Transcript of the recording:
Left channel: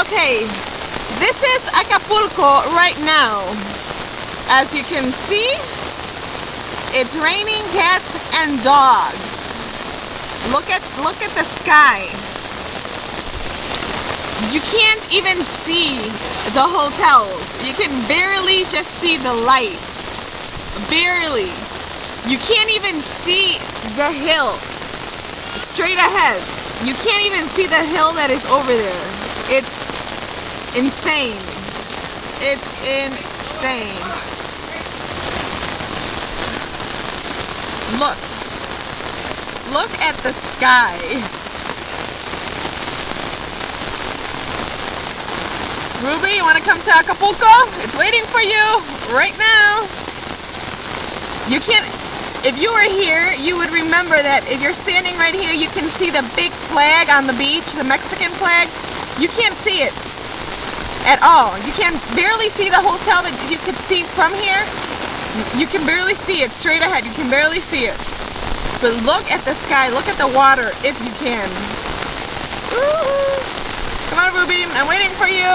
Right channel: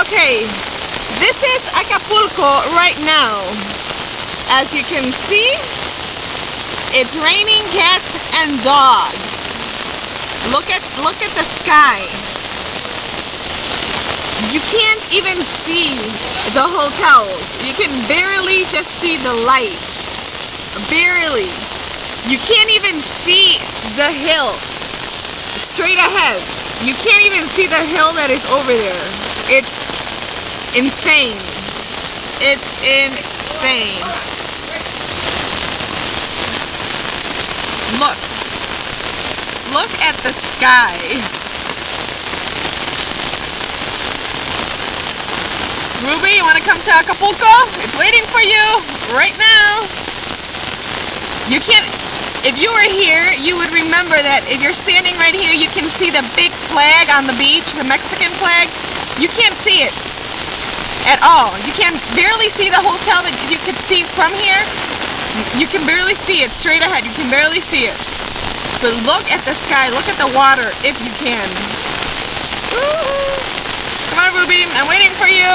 Okay, this is Acapulco right now. As you can see, it's raining cats and dogs. Look at the sky. You can't even see the hotels. You can barely just see the light. Barely. You can't even see the hill straight ahead. You can't even see the hill that is over there. It's insane. It's insane. Look at the sky. Ruby, you want to come to Acapulco? It's waiting for you right now. You can't, if you were here, you would remember that if you're standing right here, you can see the big flag on the beach, the Mexican flag. You can't see it at all. You can barely see the hotel that you could see from here. You can barely see it straight ahead. You can barely see it. But look at the sky. Look at the water if you can. Woo! Come on, Ruby. I'm waiting for you.